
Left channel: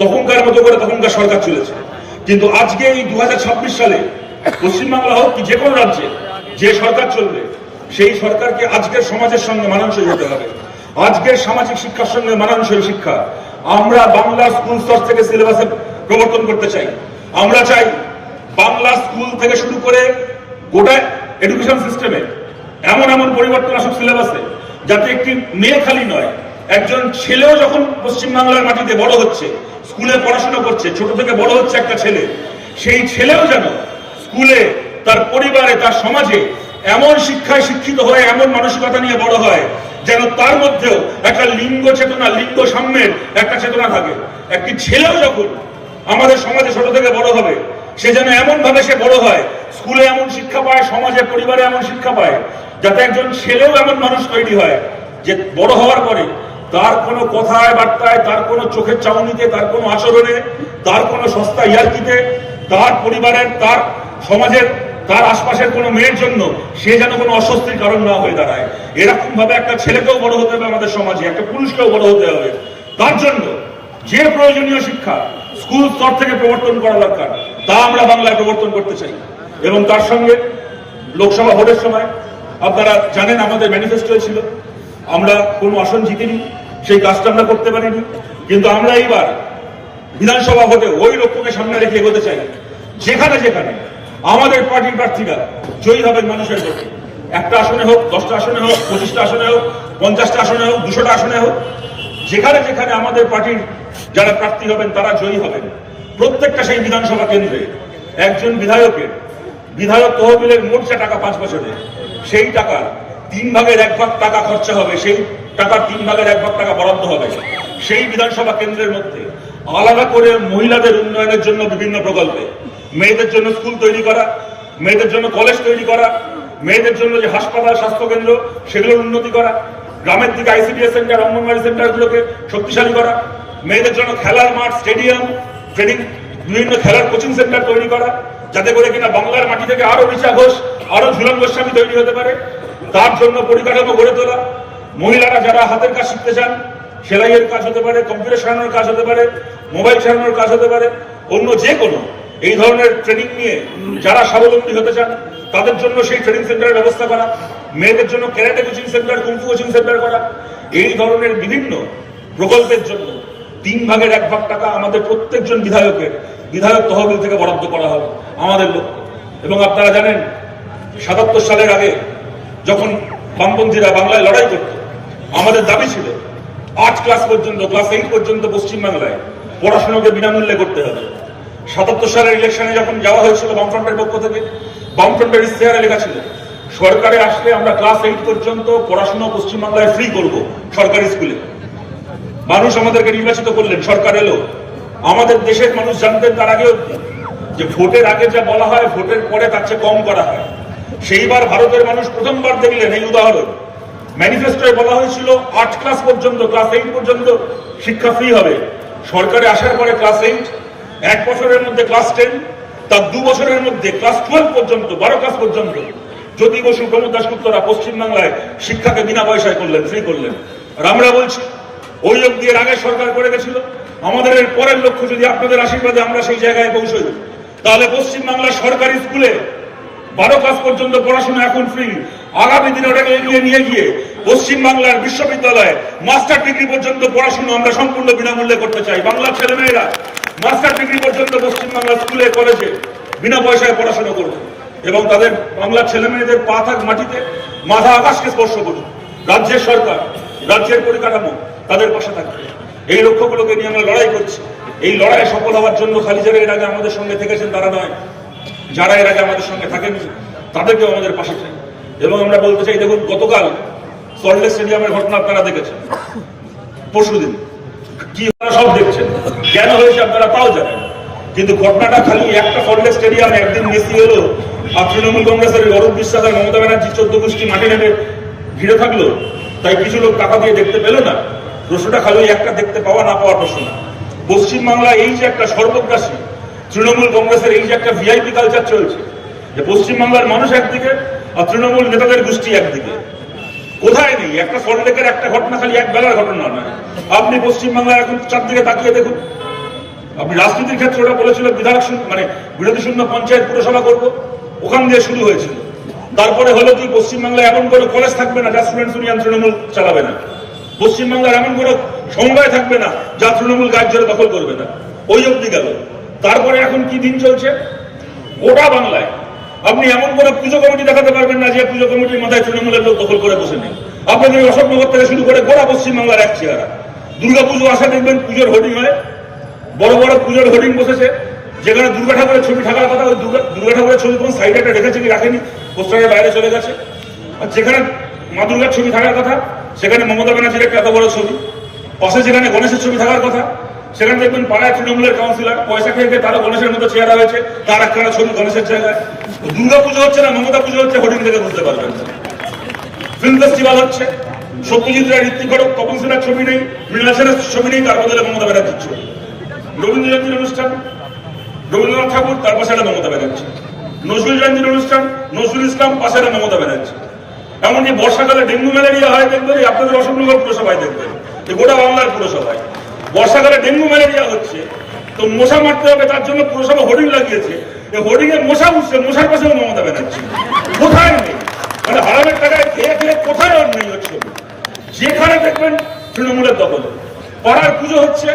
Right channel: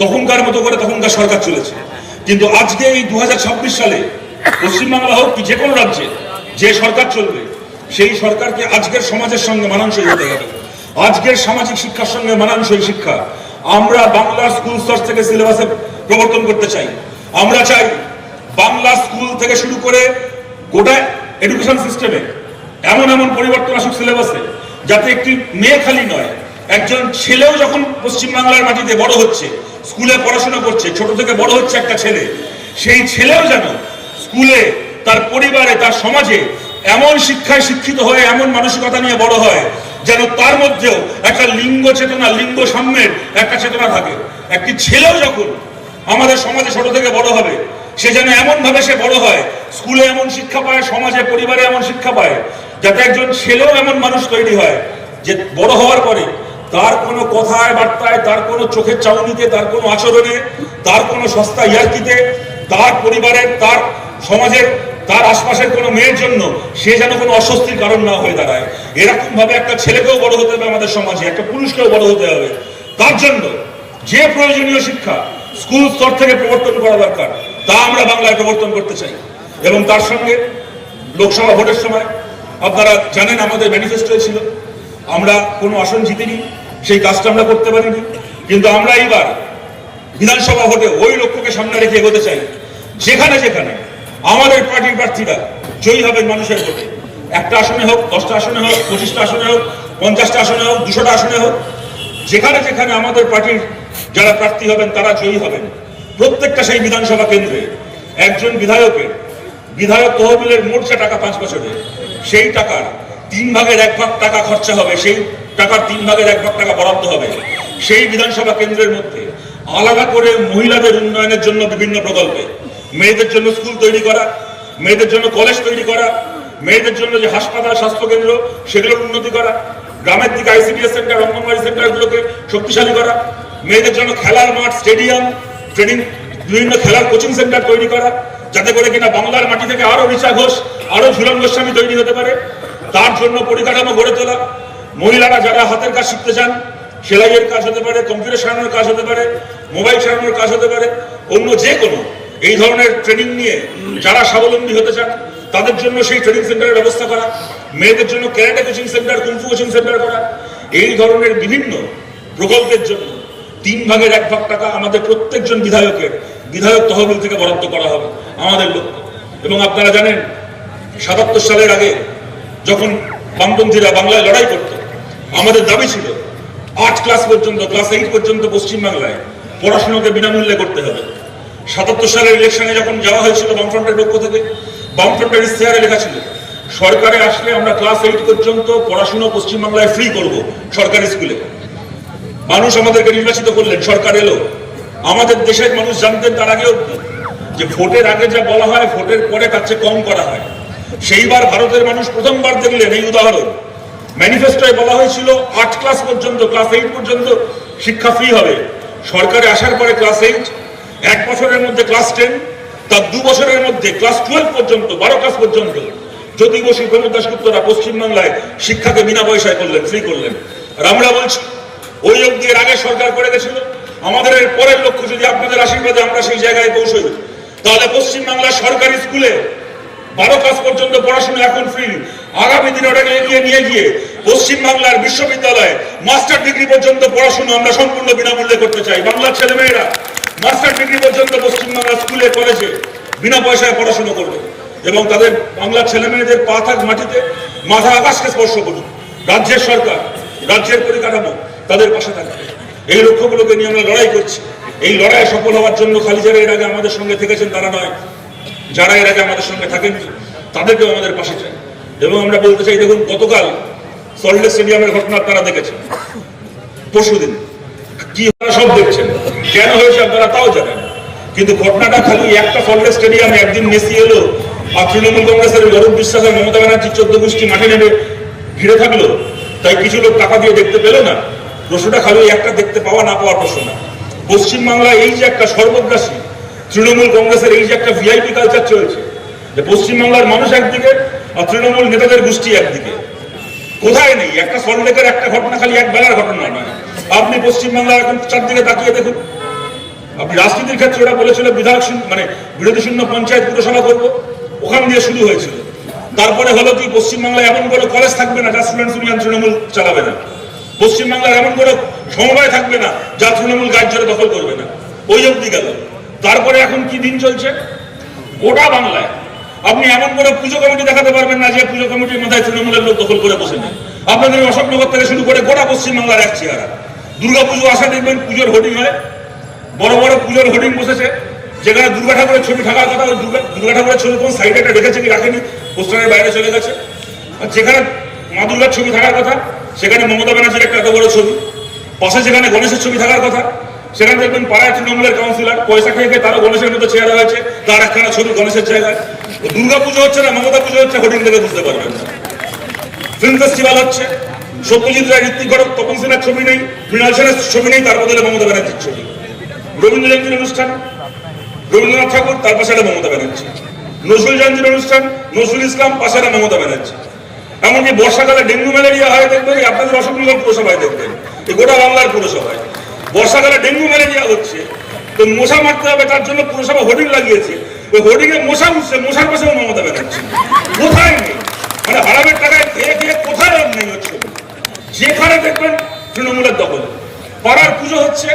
তখনকার মতো করে তখনকার সরকার চলেছে। কিন্তু আজকে এই 2026 সালে পশ্চিমবাংলা হোক কি যে কোনো রাজ্যে যে সরকার চলবে, সেই সরকারকে আজকের সমাজের সঙ্গে মানানসই হতে হবে, আজকের সামাজিক শিক্ষার সঙ্গে মানানসই শিক্ষা। আমরা বাংলা স্কুল স্তর থেকে সিলেবাসে প্রবর্তন করতে চাই। আমরা চাই বাংলা স্কুল থেকে শুরু করে গোটা এডুকেশন সিস্টেমে এমন এমন পরিবর্তন আসুক সিলেবাসে, যাতে একটি মেয়ে খালি নয়, একজন ছেলেও যখন পশ্চিমবাংলার মাটিতে বড় হচ্ছে, স্কুলে পড়াশোনা করছে, ছোট থেকে বড় হচ্ছে একটা ছেলে, সেই ছেলেও যেন স্কুলে, তার পরিবারে, তার সমাজে এমন শিক্ষায় শিক্ষিত হয়ে এমন মানসিকতা নিয়ে বড় হয় যেন তার মধ্যেও একটা লিঙ্গ চেতনা, লিঙ্গ সাম্যের একটা চেতনা থাকে। একটি ছেলেও যখন আমাদের সমাজে ছোট থেকে বড় হবে, সে যেন এমন ভাবে সে বড় হয়, স্কুলে এমন শিক্ষা পায়, সমাজে পরিবারে এমন শিক্ষা পায়, যাতে একজন ছেলেও এমন মানুষ তৈরি হয় যে বড় হওয়ার পরে তার কোনো কথায় বার্তায়, তার কোনো চোখের চাউনিতে, তার কোনো আচরণে, তার কোনো সস্তা ইয়ার্কিতে, তার পরিবারের, তার সমাজের, তার আশপাশের কোনো মেয়ের জন্য সে যেন কোনো অস্বস্তির কারণ না হয়ে দাঁড়ায়। এরকম ভাবে একটা ছেলেকেও বড় হতে হবে আমাদের সমাজে, একটা পুরুষকেও বড় হতে হবে। তার জন্য যে প্রয়োজনীয় শিক্ষা স্কুল স্তর থেকে প্রবর্তন করা দরকার, তা আমরা বাংলায় প্রবর্তন করতে চাই। এবং তার সঙ্গে লোকসভা ভোটের সময় আপনারা জানেন আমাদের ম্যানিফেস্টো ছিল, আমরা কোনো আসন জিতিনি, সেই কাজটা আমরা করতে পারিনি, কিন্তু আমরা এইবার বিধানসভা ভোটে ওই লক্ষ্যকে সামনে রেখে এগোতে চাই। যেখানে যেখানে আমাদের পার্টির প্রার্থীরা জয়ী হবেন মানুষের ভোটে, একটা আসনে হোক, 10টা আসনে হোক, 25টা আসনে হোক, 50টা আসনে হোক, 200টা আসনে হোক, যেখানে যেখানে আমাদের পার্টির যারা প্রার্থী হবেন তারা জয়ী হবেন, প্রত্যেকটা সেই বিধানসভা কেন্দ্রে একজন বিধায়ক তহবিলের মোট যে টাকা 5 বছরে, সেই টাকার 3 ভাগের 1 ভাগ টাকা খরচা হবে, সেই টাকার 3 ভাগের 1 ভাগ টাকা বরাদ্দ হবে সেই বিধানসভা কেন্দ্রের মধ্যে আলাদা করে মহিলাদের উন্নয়নের জন্য বিভিন্ন প্রকল্পে, মেয়েদের জন্য স্কুল তৈরি করা, মেয়েদের জন্য কলেজ তৈরি করা, মেয়েদের জন্য যে হাসপাতাল, স্বাস্থ্যকেন্দ্র, সেগুলোর উন্নতি করা, গ্রামের দিকে আইসিডিএস সেন্টার, অঙ্গনওয়াড়ি সেন্টারগুলোকে শক্তিশালী করা, মেয়েদের জন্য খেলার মাঠ, স্টেডিয়াম, ট্রেনিং, বিভিন্ন খেলার কোচিং সেন্টার তৈরি করা, যাতে করে কিনা বাংলার মাটি থেকে আরো ঋচা ঘোষ, আরো ঝুলন গোস্বামী তৈরি হতে পারে। তার জন্য পরিকাঠামো গড়ে তোলা, মহিলারা যারা হাতের কাজ শিখতে চান, সেলাইয়ের কাজ হতে পারে, কম্পিউটার সারানোর কাজ হতে পারে, মোবাইল সারানোর কাজ হতে পারে, অন্য যে কোনো এই ধরনের ট্রেনিং নিয়ে যারা স্বাবলম্বী হতে চান তাদের জন্য সেই ট্রেনিং সেন্টারের ব্যবস্থা করা, মেয়েদের জন্য karate coaching centre, kung fu coaching centre করা, এই ধরনের বিভিন্ন প্রকল্পের জন্য 3 ভাগের 1 ভাগ টাকা আমাদের প্রত্যেকজন বিধায়ক তহবিল থেকে বরাদ্দ করা হবে আমাদের লক্ষ্য। এবং আপনারা জানেন 77 সালের আগে যখন বামপন্থীরা বাংলায় লড়াই করত, আমাদের দাবি ছিল 8 ক্লাস পর্যন্ত, ক্লাস 8 পর্যন্ত পশ্চিমবাংলায় পড়াশোনাকে বিনামূল্যে করতে হবে। 77 সালের ইলেকশনে যখন যাওয়া হয়েছিল বামফ্রন্টের পক্ষ থেকে, বামফ্রন্টের ইশতেহারে লেখা ছিল সরকারে আসলে আমরা ক্লাস 8 পর্যন্ত পড়াশোনা পশ্চিমবাংলায় ফ্রি করব সরকারি স্কুলে। মানুষ আমাদেরকে নির্বাচিত করলেন, সরকার এলো, আমাদের দেশের মানুষ জানতেন তার আগেও যে ভোটের আগে যা বলা হয় ভোটের পরে তার চেয়ে কম করা হয়। সেইবার ভারতের মানুষ প্রথমবার দেখলেন এই উদাহরণ। ম্যানিফেস্টোয় বলা হয়েছিল 8 ক্লাস পর্যন্ত, ক্লাস 8 পর্যন্ত শিক্ষা ফ্রি হবে। সরকারে আসার পরে ক্লাস 8, 1 বছরের মধ্যে ক্লাস 10, তার 2 বছরের মধ্যে ক্লাস 12 পর্যন্ত, 12 ক্লাস পর্যন্ত জ্যোতি বসু, প্রমোদ দাশগুপ্তরা পশ্চিমবাংলায় শিক্ষাকে বিনা পয়সায় করলেন, ফ্রি করলেন। আর আমরা বলছি ওই অবধি এর আগে সরকার করে গেছিল, আমাদের এর পরের লক্ষ্য যদি আপনাদের আশীর্বাদে আমরা সেই জায়গায় পৌঁছই, তাহলে পশ্চিমবাংলার সরকারি স্কুলে 12 ক্লাস পর্যন্ত পড়াশোনা এখন ফ্রি। আগামী দিনে ওটাকে এগিয়ে নিয়ে গিয়ে পশ্চিমবাংলার বিশ্ববিদ্যালয়ে মাস্টার ডিগ্রি পর্যন্ত পড়াশোনা আমরা সম্পূর্ণ বিনামূল্যে করতে চাই। বাংলার ছেলেমেয়েরা মাস্টার ডিগ্রি পর্যন্ত পশ্চিমবাংলার স্কুলে, কলেজে বিনা পয়সায় পড়াশোনা করবে এবং তাদের বাংলার ছেলেমেয়েদের পা থাক মাটিতে, মাথা আকাশকে স্পর্শ করুক। রাজ্যের সরকার, রাজ্যের পরিকাঠামো তাদের পাশে থাকবে। এই লক্ষ্যগুলোকে নিয়ে আমরা লড়াই করছি। এই লড়াইয়ে সফল হওয়ার জন্য খালি যারা এর আগে আমাদের সঙ্গে থেকেছেন তারা নয়, যারা এর আগে আমাদের সঙ্গে থাকেনি তাদেরকেও আমাদের পাশে চাই। এবং আমরা বলতে চাই, দেখুন গতকাল সল্টলেক স্টেডিয়ামের ঘটনা আপনারা দেখেছেন, পরশুদিন কি সব দেখছেন, কেন হয়েছে আপনারা তাও জানেন, কিন্তু ঘটনাটা খালি একটা সল্টলেক স্টেডিয়ামে একদিন মেসি এলো আর তৃণমূল কংগ্রেসের অরূপ বিশ্বাস আর মমতা ব্যানার্জি 14 গোষ্ঠী মাঠে নেমে ঘিরে থাকলো, তাই কিছু লোক টাকা দিয়ে দেখতে পেল না। প্রশ্নটা খালি একটা দেখতে পাওয়া না পাওয়ার প্রশ্ন না। পশ্চিমবাংলায় এই যে একটা সর্বগ্রাসী তৃণমূল কংগ্রেসের এই যে একটা ভিআইপি কালচার চলছে, যে পশ্চিমবাংলার মানুষ একদিকে আর তৃণমূল নেতাদের গোষ্ঠী একদিকে, কোথায় নেই। একটা সল্টলেকের একটা ঘটনা খালি এক বেলার ঘটনা নয়। আপনি পশ্চিমবাংলার এখন চারদিকে তাকিয়ে দেখুন। আপনি রাজনীতির ক্ষেত্রে ওরা বলেছিল বিধায়ক শূন্য, মানে বিরোধী শূন্য পঞ্চায়েত পুরসভা করবো, ওখান দিয়ে শুরু হয়েছিল। তারপরে হলো কি পশ্চিমবাংলায় এমন কোনো কলেজ থাকবে না যা স্টুডেন্টস ইউনিয়ন তৃণমূল চালাবে না, পশ্চিমবাংলায় এমন কোনো সমবায় থাকবে না যা তৃণমূল কাজ জোরে দখল করবে না, ওই অব্দি গেল। তারপরে এখন কি দিন চলছে গোটা বাংলায়, আপনি এমন কোনো পুজো কমিটি দেখাতে পারবেন না যে পুজো কমিটির মাথায় তৃণমূলের লোক দখল করে বসে নেই। আপনাদের অশোকনগর থেকে শুরু করে গোটা পশ্চিমবাংলার এক চেহারা। দুর্গা পুজো আসা দেখবেন পুজোর হোর্ডিং হয়, বড় বড় পুজোর হোর্ডিং বসেছে, যেখানে দুর্গা ঠাকুরের ছবি থাকার কথা দুর্গা ঠাকুরের ছবি কোন সাইডে একটা রেখেছে কি রাখেনি, পোস্টারের বাইরে চলে গেছে। আর যেখানে মা দুর্গার ছবি থাকার কথা সেখানে মমতা ব্যানার্জির একটা এত বড় ছবি, পাশে যেখানে গণেশের ছবি থাকার কথা সেখানে দেখবেন পাড়ায় তৃণমূলের কাউন্সিলর পয়সা খেয়ে খেয়ে তারা গণেশের মতো চেহারা হয়েছে, তার একখানা ছবি গণেশের জায়গায়। দুর্গা পুজো হচ্ছে না মমতা পুজো হচ্ছে, হোর্ডিং থেকে বুঝতে পারবেন। ফিল্ম ফেস্টিভ্যাল হচ্ছে, সত্যজিৎ রায়, ঋত্বিক ঘটক, তপন সিনহার ছবি নেই, মৃণাল সেনের ছবি নেই, তার বদলে মমতা ব্যানার্জির ছবি। রবীন্দ্র জয়ন্তীর অনুষ্ঠান রবীন্দ্রনাথ ঠাকুর, তার পাশে মমতা ব্যানার্জি। নজরুল জয়ন্তীর অনুষ্ঠান নজরুল ইসলাম, পাশে মমতা ব্যানার্জি। এমনকি বর্ষাকালে ডেঙ্গু ম্যালেরিয়া হয় দেখবেন আপনাদের অশোকনগর পুরসভায়, দেখবেন গোটা বাংলার পুরসভায় বর্ষাকালে ডেঙ্গু ম্যালেরিয়া হচ্ছে, তো মশা মারতে হবে তার জন্য পুরসভা হোর্ডিং লাগিয়েছে, হোর্ডিং এ মশা উঠছে, মশার পাশেও মমতা ব্যানার্জি। কোথায় নেই, মানে হারামের টাকায় খেয়ে খেয়ে কোথায় আর নেই হচ্ছে, যেখানে দেখবেন তৃণমূলের দখল। পাড়ার পুজো হচ্ছে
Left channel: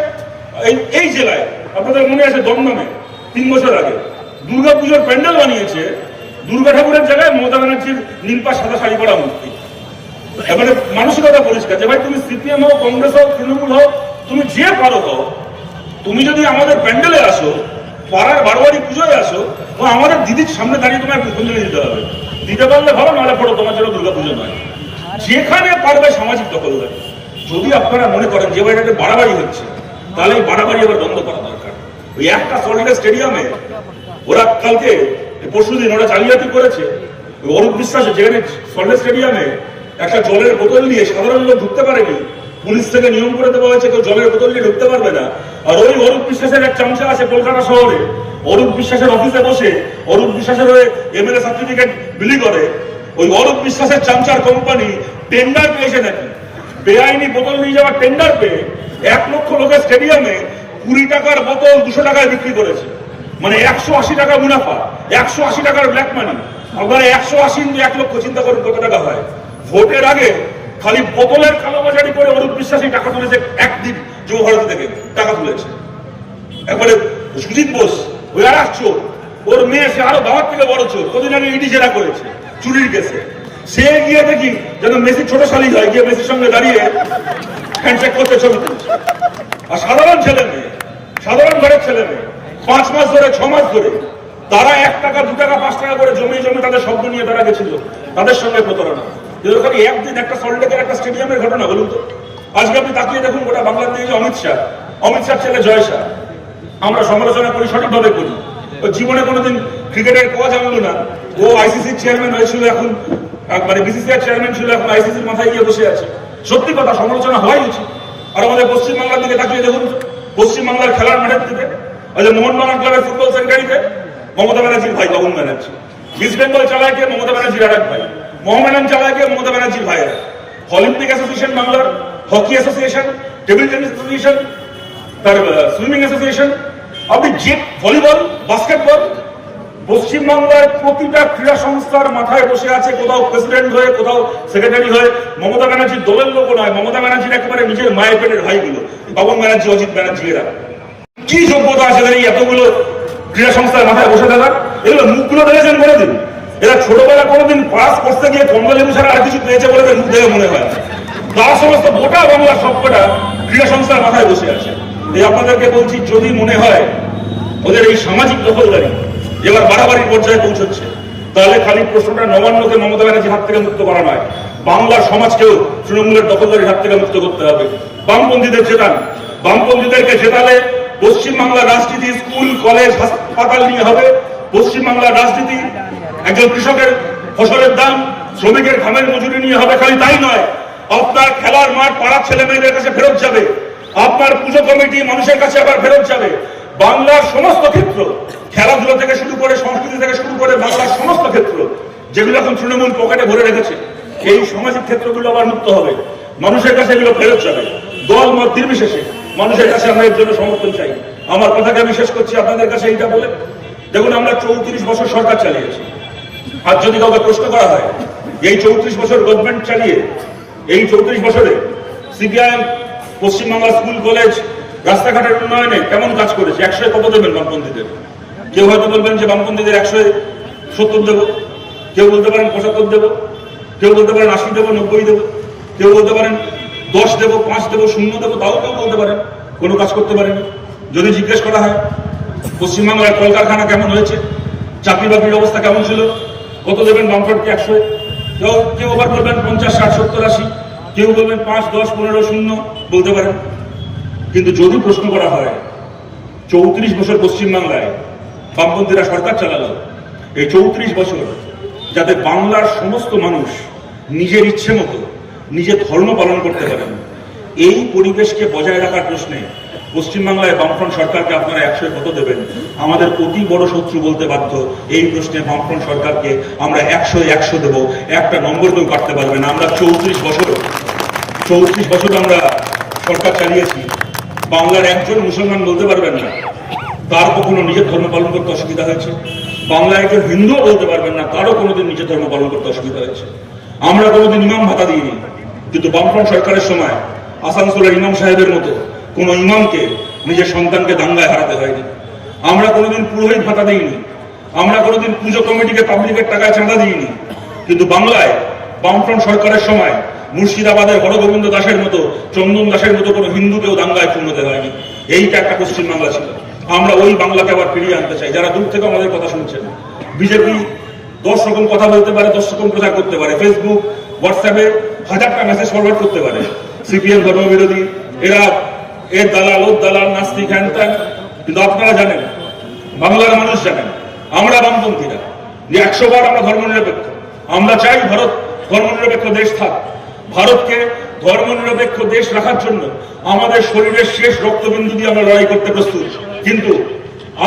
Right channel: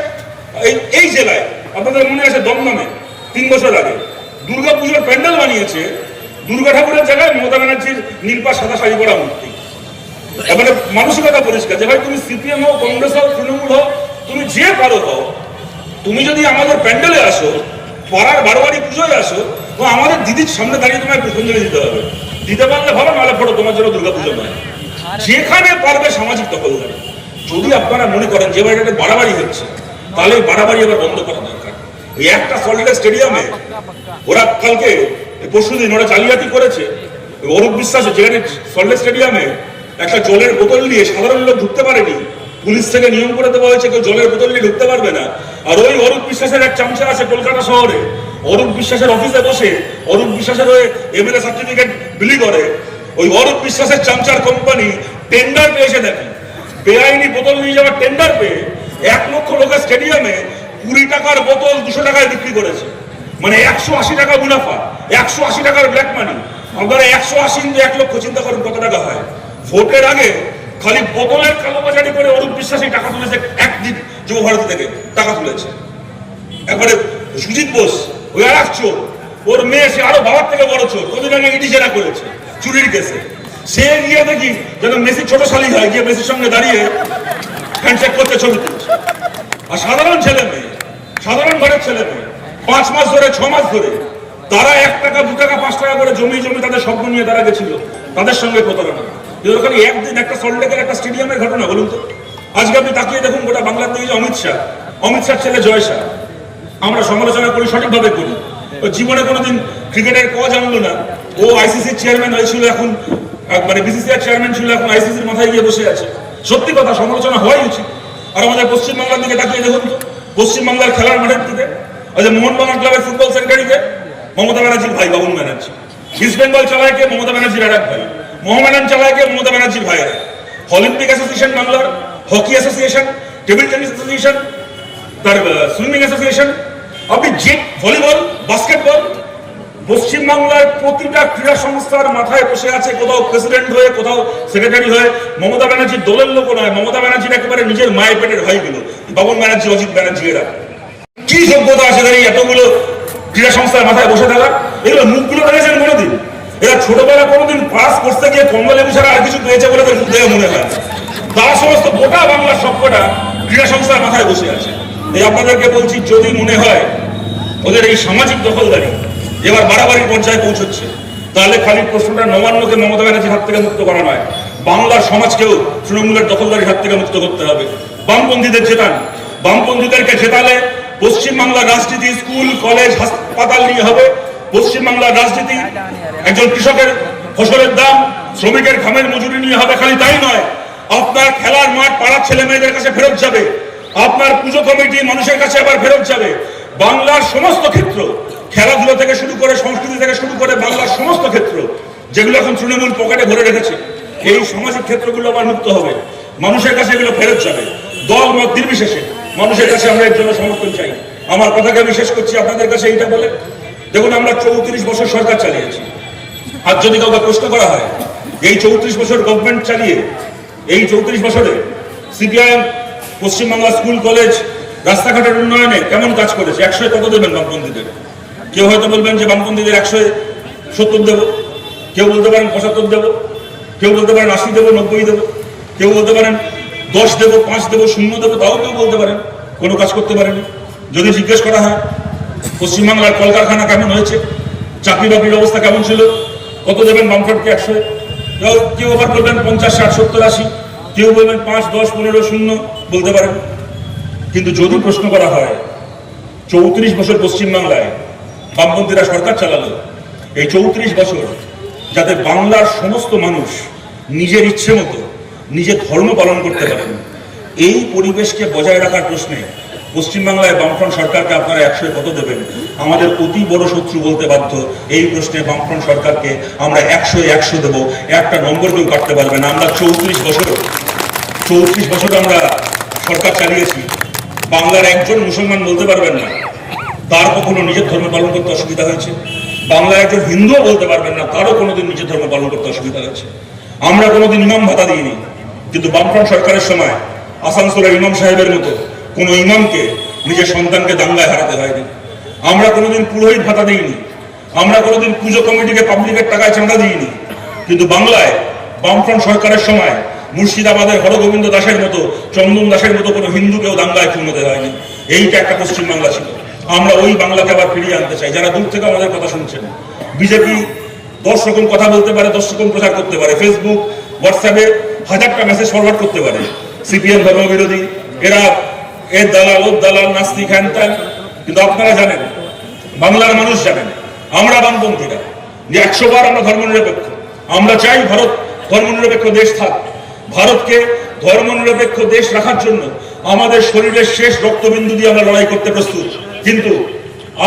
এই জেলায়, আপনাদের মনে আছে দমদমে 3 বছর আগে দুর্গা পুজোর প্যান্ডেল বানিয়েছে, দুর্গা ঠাকুরের জায়গায় মমতা ব্যানার্জির নীলপা সাদা শাড়ি পরা মূর্তি। এবারে মানসিকতা পরিষ্কার যে ভাই তুমি সিপিএম হোক, কংগ্রেস হোক, তৃণমূল হোক, তুমি যে পারো হও, তুমি যদি আমাদের প্যান্ডেলে আসো, পাড়ার বারোবারি পুজোয় আসো, তো আমাদের দিদির সামনে দাঁড়িয়ে তোমায় পুষ্পাঞ্জলি দিতে হবে। দিতে পারলে ভালো, নাহলে ফটো তোমার জন্য দুর্গা পুজো নয়। যেখানে পারবে সামাজিক দখল। যদি আপনারা মনে করেন যে বাড়িটাতে বাড়াবাড়ি হচ্ছে, তাহলে এই বাড়াবাড়ি আবার বন্ধ করা দরকার। ওই একটা সল্টলেক স্টেডিয়ামে ওরা কালকে পরশুদিন ওরা জালিয়াতি করেছে, অরূপ বিশ্বাস যেখানে সল্টলেক স্টেডিয়ামে একটা জলের বোতল নিয়ে সাধারণ লোক ঢুকতে পারেনি, পুলিশ থেকে নিয়ম করে দেওয়া হয়েছে কেউ জলের বোতল নিয়ে ঢুকতে পারবে না। আর ওই অরূপ বিশ্বাসের এক চামচা আছে কলকাতা শহরে, অরূপ বিশ্বাসের অফিসে বসে অরূপ বিশ্বাসের হয়ে এমএলএ সার্টিফিকেট বিলি করে। ওই অরূপ বিশ্বাসের চামচার কোম্পানি টেন্ডার পেয়েছে নাকি, বেআইনি বোতল নিয়ে যাওয়ার টেন্ডার পেয়ে 1 লক্ষ লোকের স্টেডিয়ামে 20 টাকার বোতল 200 টাকায় বিক্রি করেছে, মানে 180 টাকা মুনাফা, 180 টাকার ব্ল্যাক মানি। আপনারা 180 ইন্টু 1 লক্ষ চিন্তা করুন কত টাকা হয়। ভোটের আগে খালি বোতলের কালোবাজারি করে অরূপ বিশ্বাসী টাকা তুলেছে, একদিন যুব ভারতী থেকে টাকা তুলেছে। একবারে সুজিত বোস ওই আর এক চোর, ওর মেয়ে সে আরো বাবার থেকে বড় চোর, কদিন আগে ইডি জেরা করেছে চুরির কেসে। সে গিয়ে দেখি যেন মেসি ছোট শালিক হয়, গিয়ে মেসির সঙ্গে দাঁড়িয়ে হ্যান্ডশেক করতে ছবি তুলছে। আর সাধারণ ছেলে মেয়ে, সাধারণ ঘরের ছেলে মেয়ে 5 মাস ধরে 6 মাস ধরে তারা 1 টাকা 2 টাকা 5 টাকা করে জমি তাদের স্বপ্ন নিয়ে তারা গেছিল, তাদের সঙ্গে প্রতারণা। একদিন একটা সল্টলেকের একটা স্টেডিয়ামের ঘটনা বলুন তো। আজকে আপনি তাকিয়ে দেখুন গোটা বাংলার দিকে অমিত শাহ ছেলে জয় শাহ, আমরা সমালোচনা করি সঠিকভাবে করি। ও জীবনে কোনোদিন ক্রিকেটের ক জানলো না, ও আইসিসির চেয়ারম্যান হয়েছিল, এখন মানে বিসিসিআই চেয়ারম্যান ছিল, এখন আইসিসির মাথায় গিয়ে বসে আছে। সত্যি কথা, সমালোচনা হওয়াই উচিত। আর আমাদের পশ্চিমবাংলার দিকে তাকিয়ে দেখুন, পশ্চিমবাংলার খেলার মাঠের দিকে ওই যে মোহনবাগান ক্লাবের ফুটবল সেন্টারিতে মমতা ব্যানার্জির ভাই বাবুল ব্যানার্জি, ইস্ট বেঙ্গল চালায় কে মমতা ব্যানার্জির আর এক ভাই, মোহামেডান চালায় কে মমতা ব্যানার্জির ভাইয়েরা, অলিম্পিক অ্যাসোসিয়েশন বাংলার, hockey association, table tennis association, তার সুইমিং অ্যাসোসিয়েশন, আপনি জিট, ভলিবল, বাস্কেটবল, পশ্চিমবাংলার প্রতিটা ক্রীড়া সংস্থার মাথায় বসে আছে, কোথাও প্রেসিডেন্ট হয়ে, কোথাও সেক্রেটারি হয়ে। মমতা ব্যানার্জির দলের লোক নয়, মমতা ব্যানার্জির একেবারে নিজের মায়ের পেটের ভাইগুলো, বাবুল ব্যানার্জি, অজিত ব্যানার্জি, এরা কি যোগ্যতা আছে এই এতগুলো ক্রীড়া সংস্থার মাথায় বসে থাকার? এগুলো মুখগুলো দেখেছেন কোনোদিন? এরা ছোটবেলা কোনোদিন পাস করতে গিয়ে কমলেবু ছাড়া আর কিছু পেয়েছে বলে মুখ দেখে মনে হয়? তার সমস্ত গোটা বাংলার সবকটা ক্রীড়া সংস্থার মাথায় বসে আছে। এই আপনাদেরকে বলছি, যদি মনে হয় ওদের এই সামাজিক দখলদারি এবার বাড়াবাড়ির পর্যায়ে পৌঁছচ্ছে, তাহলে খালি প্রশ্নটা নবান্নকে মমতা ব্যানার্জির হাত থেকে মুক্ত করা নয়, বাংলার সমাজকেও তৃণমূলের দখলদারির হাত থেকে মুক্ত করতে হবে। বামপন্থীদের জেতান, বামপন্থীদেরকে জেতালে পশ্চিমবাংলার রাজনীতি স্কুল, কলেজ, হাসপাতাল নিয়ে হবে। পশ্চিমবাংলার রাজনীতি একজন কৃষকের ফসলের দাম, শ্রমিকের ঘামের মজুরি নিয়ে হবে। খালি তাই নয়, আপনার খেলার মাঠ পাড়ার ছেলে মেয়েদের কাছে ফেরত যাবে, আপনার পুজো কমিটি মানুষের কাছে আবার ফেরত যাবে। বাংলার সমস্ত ক্ষেত্র, খেলাধুলা থেকে শুরু করে, সংস্কৃতি থেকে শুরু করে, বাংলার সমস্ত ক্ষেত্র যেগুলো এখন তৃণমূল পকেটে ভরে রেখেছে, এই সামাজিক ক্ষেত্রগুলো আবার মুক্ত হবে, মানুষের কাছে এগুলো ফেরত যাবে। দল মত নির্বিশেষে মানুষের কাছে আমরা এর জন্য সমর্থন চাই। আমার কথাকে আমি শেষ করছি আপনাদের কাছে এইটা বলে, দেখুন আমরা 34 বছর সরকার চালিয়েছি, আর যদি কাউকে প্রশ্ন করা হয় এই 34 বছর গভর্নমেন্ট চালিয়ে, এই 34 বছরে সিপিআইএম পশ্চিমবাংলা স্কুল কলেজ রাস্তাঘাটের উন্নয়নে কেমন কাজ করেছে, 100 কত দেবেন বামপন্থীদের? কেউ হয়তো বলবেন যে বামপন্থীদের 170 দেবো, কেউ বলতে পারেন 75 দেবো, কেউ বলতে পারেন 80 দেবো, 90 দেবো, কেউ বলতে পারেন 10 দেবো, 5 দেবো, 0 দেবো, তাও কেউ বলতে পারেন। কোনো কাজ করতে পারেনি। যদি জিজ্ঞেস করা হয় পশ্চিমবাংলার কলকারখানা কেমন হয়েছে, চাকরি বাকরির অবস্থা কেমন ছিল, কত দেবেন বামফ্রন্টকে? 100। কেউ আবার বলবেন 50, 60, 70, 80, কেউ বলবেন 5, 10, 15, 0 বলতে পারেন। কিন্তু যদি প্রশ্ন করা হয় 34 বছর পশ্চিমবাংলায় বামপন্থীরা সরকার চালালো, এই 34 বছর যাতে বাংলার সমস্ত মানুষ নিজের ইচ্ছে মতো নিজের ধর্ম পালন করতে পারেন, এই পরিবেশকে বজায় রাখার প্রশ্নে পশ্চিমবাংলায় বামফ্রন্ট সরকারকে আপনারা 100 কত দেবেন? আমাদের অতি বড় শত্রু বলতে বাধ্য। এই প্রশ্নে বামফ্রন্ট সরকারকে আমরা 100 দেব, একটা নম্বর কেউ কাটতে পারবে না। আমরা 34 বছর আমরা সরকার চালিয়েছি। বাংলার একজন মুসলমান বলতে পারবেন না তার কখনো নিজের ধর্ম পালন করতে অসুবিধা হয়েছে। বাংলায় একজন হিন্দুও বলতে পারবেন না তারও কোনোদিন নিজের ধর্ম পালন করতে অসুবিধা হয়েছে। আমরা কোনোদিন ইমাম ভাতা দিইনি, কিন্তু বামফ্রন্ট সরকারের সময় আসানসোলের ইমাম সাহেবের মতো কোনো ইমামকে নিজের সন্তানকে দাঙ্গায় হারাতে হয়নি। আমরা কোনোদিন পুরোহিত ভাতা দিইনি, আমরা কোনোদিন পুজো কমিটিকে পাবলিকের টাকায় চাঁদা দিইনি, কিন্তু বাংলায় বামফ্রন্ট সরকারের সময় মুর্শিদাবাদের হরগোবিন্দ দাসের মতো, চন্দন দাসের মতো কোনো হিন্দুকেও দাঙ্গায় খুন হতে হয়নি। এইটা একটা পশ্চিমবাংলা ছিল। আমরা ওই বাংলাকে আবার ফিরিয়ে আনতে চাই। যারা দূর থেকে আমাদের কথা শুনছেন, বিজেপি 10 রকম কথা বলতে পারে, 10 রকম প্রচার করতে পারে, ফেসবুক হোয়াটসঅ্যাপে 1000টা মেসেজ ফরওয়ার্ড করতে পারে। সিপিএম ধর্মবিরোধী, এরা এর দালাল, ওর দালাল, নাস্তিক, হ্যান ত্যান। কিন্তু আপনারা জানেন, বাংলার মানুষ জানেন, আমরা বামপন্থীরা যে 100 বার আমরা ধর্মনিরপেক্ষ। আমরা চাই ভারত ধর্মনিরপেক্ষ দেশ থাক। ভারতকে ধর্মনিরপেক্ষ দেশ রাখার জন্য আমাদের শরীরের শেষ রক্তবিন্দু দিয়ে আমরা লড়াই করতে প্রস্তুত। কিন্তু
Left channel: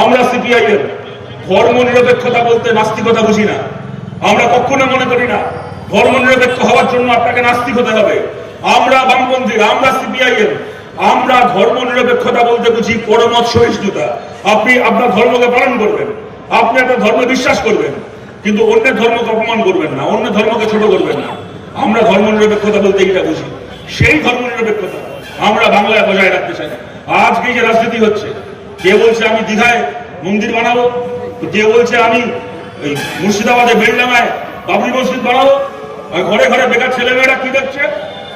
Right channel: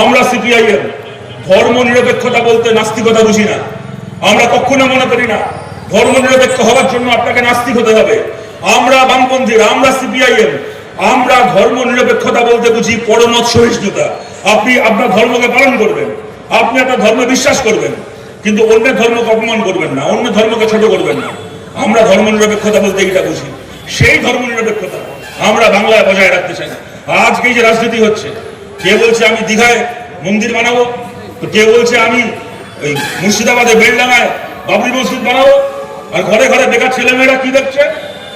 আমরা সিপিআইএম ধর্মনিরপেক্ষতা বলতে নাস্তিকতা বুঝি না। আমরা কখনো মনে করি না ধর্মনিরপেক্ষ হওয়ার জন্য আপনাকে নাস্তিক হতে হবে। আমরা বামপন্থীরা, আমরা সিপিআইএম, আমরা ধর্মনিরপেক্ষতা বলতে বুঝি পরমত সহিষ্ণুতা। আপনি আপনার ধর্মকে পালন করবেন, আপনি আপনার ধর্মে বিশ্বাস করবেন, কিন্তু অন্যের ধর্মকে অপমান করবেন না, অন্য ধর্মকে ছোট করবেন না। আমরা ধর্মনিরপেক্ষতা বলতে এইটা বুঝি। সেই ধর্মনিরপেক্ষতা আমরা বাংলায় বজায় রাখতে চাই। আজকে যে রাজনীতি হচ্ছে, কে বলছে আমি দীঘায় মন্দির বানাবো, তো কে বলছে আমি ওই মুর্শিদাবাদে বেলডাঙায় বাবরি মসজিদ বানাবো, আর ঘরে ঘরে বেকার ছেলেমেয়েরা কি দেখছে?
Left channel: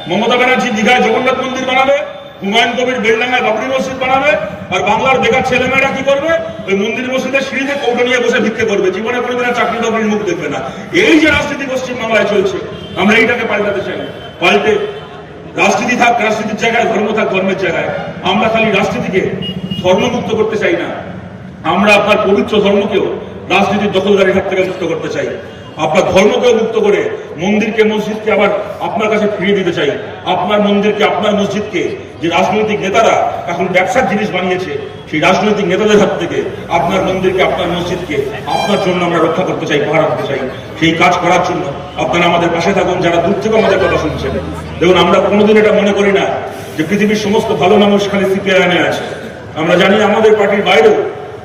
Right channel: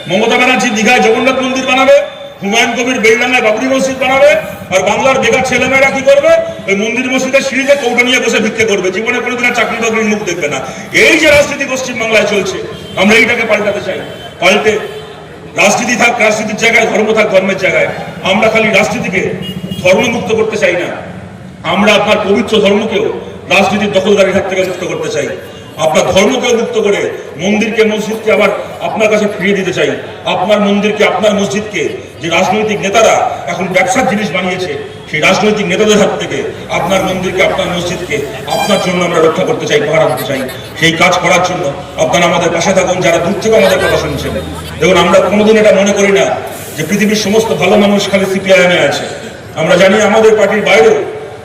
মমতা ব্যানার্জি দীঘায় জগন্নাথ মন্দির বানাবে, হুমায়ুন কবির বেলডাঙায় বাবরি মসজিদ বানাবে, আর বাংলার বেকার ছেলেমেয়েরা কি করবে? ওই মন্দির মসজিদের সিঁড়িতে কৌটো নিয়ে বসে ভিক্ষে করবে, জীবনে কোনোদিন আর চাকরি বাকরির মুখ দেখবে না। এই যে রাজনীতি পশ্চিমবাংলায় চলছে, আমরা এইটাকে পাল্টাতে চাই। পাল্টে রাজনীতি থাক রাজনীতির জায়গায়, ধর্ম থাক ধর্মের জায়গায়। আমরা খালি রাজনীতিকে ধর্মমুক্ত করতে চাই না, আমরা আপনার পবিত্র ধর্মকেও রাজনীতির দখলদারির হাত থেকে মুক্ত করতে চাই। আপনার ধর্মকেও মুক্ত করে মন্দিরকে, মসজিদকে আবার আপনার কাছে ফিরিয়ে দিতে চাই। আপনার মন্দিরকে, আপনার মসজিদকে যে রাজনৈতিক নেতারা এখন ব্যবসার জিনিস বানিয়েছে, সেই রাজনৈতিক নেতাদের হাত থেকে আপনার মন্দিরকে, আপনার মসজিদকে আপনার জন্য আমরা রক্ষা করতে চাই, পাহারা দিতে চাই। সেই কাজ করার জন্য আপনারা আমাদের পাশে থাকুন। যারা দূর থেকে আমাদের কথা শুনছেন, দেখুন, আমরা কোনোদিন এটা মনে করি না যে পৃথিবীর সমস্ত ভালো মানুষ খালি সিপিআইএমে আছে। আমরা জানি আমাদের পার্টির বাইরেও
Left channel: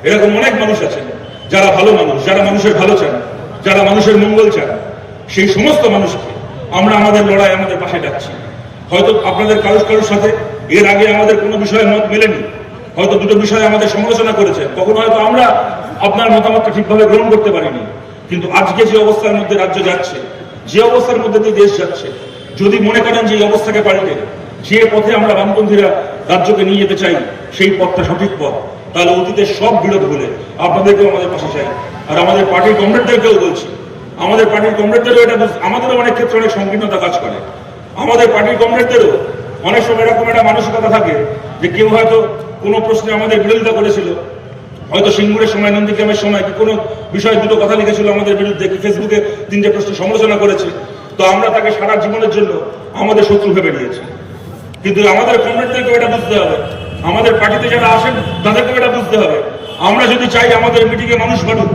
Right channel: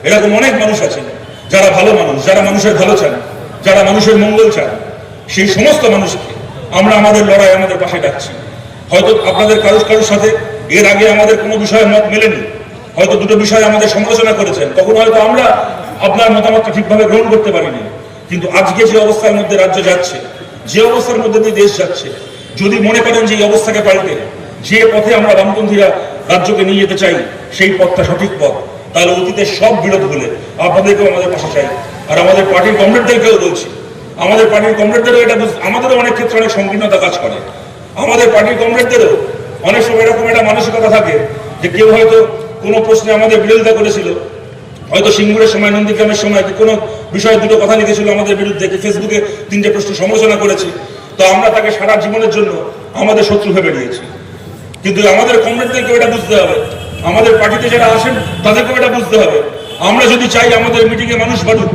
এরকম অনেক মানুষ আছে যারা ভালো মানুষ, যারা মানুষের ভালো চান, যারা মানুষের মঙ্গল চান। সেই সমস্ত মানুষকে আমরা আমাদের লড়াই, আমাদের পাশে ডাকছি। হয়তো আপনাদের কারোর সাথে এর আগে আমাদের কোনো বিষয়ে মত মেলেনি, হয়তো দুটো বিষয়ে আমাদের সমালোচনা করেছেন, তখন হয়তো আমরা আপনার মতামতটা ঠিকভাবে গ্রহণ করতে পারিনি। কিন্তু আজকে যে অবস্থার মধ্যে রাজ্য যাচ্ছে, যে অবস্থার মধ্যে দিয়ে দেশ যাচ্ছে, যদি মনে করেন যে এই অবস্থাকে পাল্টে যে পথে আমরা বামপন্থীরা রাজ্যকে নিয়ে যেতে চাই সেই পথটা সঠিক পথ, তাহলে অতীতের সব বিরোধ বলে আপনাদেরকেও আমাদের পাশে চাই। আর আমাদের পার্টির কমরেডদেরকেও বলছি, আমাদের পার্টির কমরেডদেরও এটা, আমাদেরও অনেক ক্ষেত্রে অনেক সংকীর্ণতা কাজ করে। আমাদের পার্টির কমরেডদেরও অনেক সময় এরকম একটা মানসিকতা থাকে যে কেউ হয়তো কোনো প্রশ্নে আমাদের বিরোধিতা করেছিল, হয়তো সিঙ্গুরের সময়, নন্দীগ্রামের সময় কোনো বিষয়ে দুটো কথা লিখেছিল আমাদের বিরুদ্ধে, ফেসবুকে 3টে প্রশ্ন সমালোচনা করেছে, তো আমরা তাকে সারা জীবনের জন্য আমাদের শত্রু ভেবে নিয়েছি। কিন্তু আমাদের কমরেডদেরকেও এটা বুঝতে হবে, আমাদের পার্টিতে যারা আসেন তাদেরকেও এটা বুঝতে হবে। আমরা যদি চাই আমাদের মিটিংয়ে মানুষ বাড়ুক,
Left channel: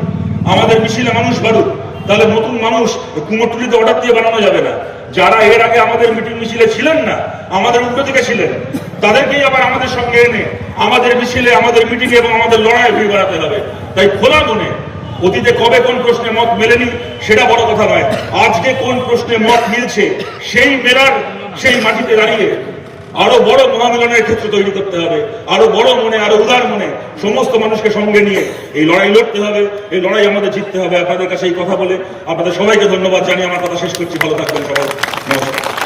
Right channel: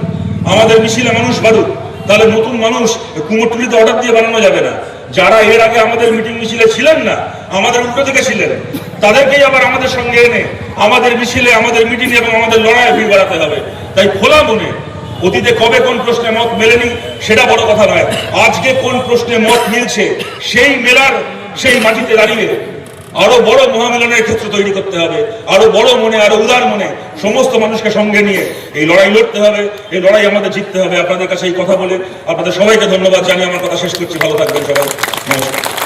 আমাদের মিছিলে মানুষ বাড়ুক, তাহলে নতুন মানুষ কুমোরটুলিতে অর্ডার দিয়ে বানানো যাবে না। যারা এর আগে আমাদের মিটিং মিছিলে ছিলেন না, আমাদের উল্টো দিকে ছিলেন, তাদেরকেই আবার আমাদের সঙ্গে এনে আমাদের মিছিলে, আমাদের মিটিং এবং আমাদের লড়াইয়ে ভিড় বাড়াতে হবে। তাই খোলা মনে অতীতে কবে কোন প্রশ্নে মত মেলেনি সেটা বড় কথা নয়, আজকে কোন প্রশ্নে মত মিলছে সেই মেলার সেই মাটিতে দাঁড়িয়ে আরো বড় মহামিলনের ক্ষেত্র তৈরি করতে হবে, আরো বড় মনে, আরো উদার মনে সমস্ত মানুষকে সঙ্গে নিয়ে এই লড়াই লড়তে হবে, এই লড়াই আমাদের জিততে হবে। আপনাদের কাছে এই কথা বলে আপনাদের সবাইকে ধন্যবাদ জানিয়ে আমার কথা শেষ করছি। ভালো থাকবেন সবাই, নমস্কার।